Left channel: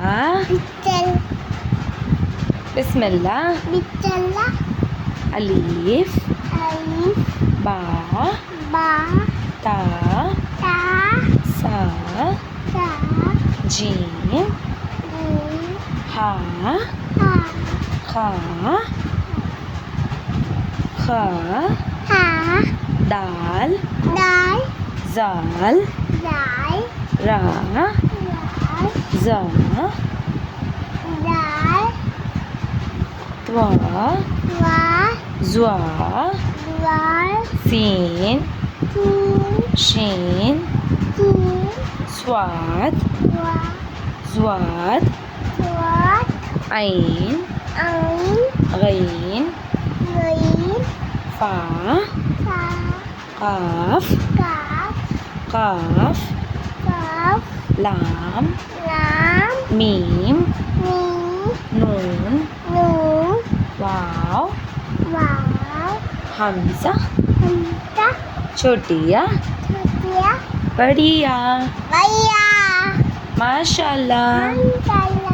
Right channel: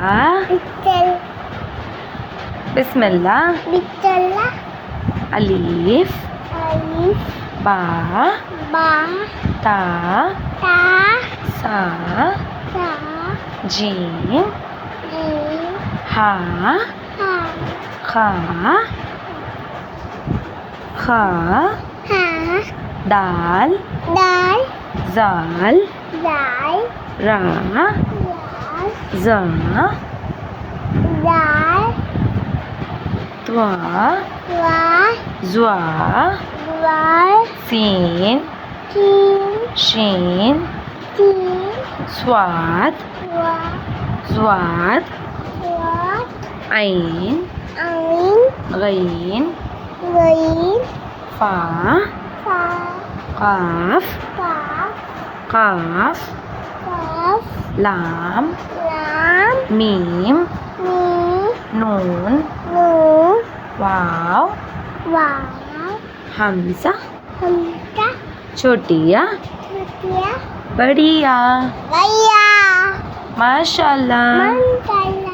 बिचल बिस्मिल्लाह बिचला अलीफ अलिफ बा बा ता ता सा सा जीम जीम हा हा खा खा हा दाल दाल जाल दाल रा दाल जा दाल त्वा वा ज्वा दाल सीन तीन शीन तीन स्वाद वा स्वाद वा ऐन आइन गईन गईन फा फा काफ काफ काफ काफ लाम लाम मीम मीम नून नून वाव वाव हमजा हमजा छोटिया छोटिया बढ़िया भैया माशाल्लाह मन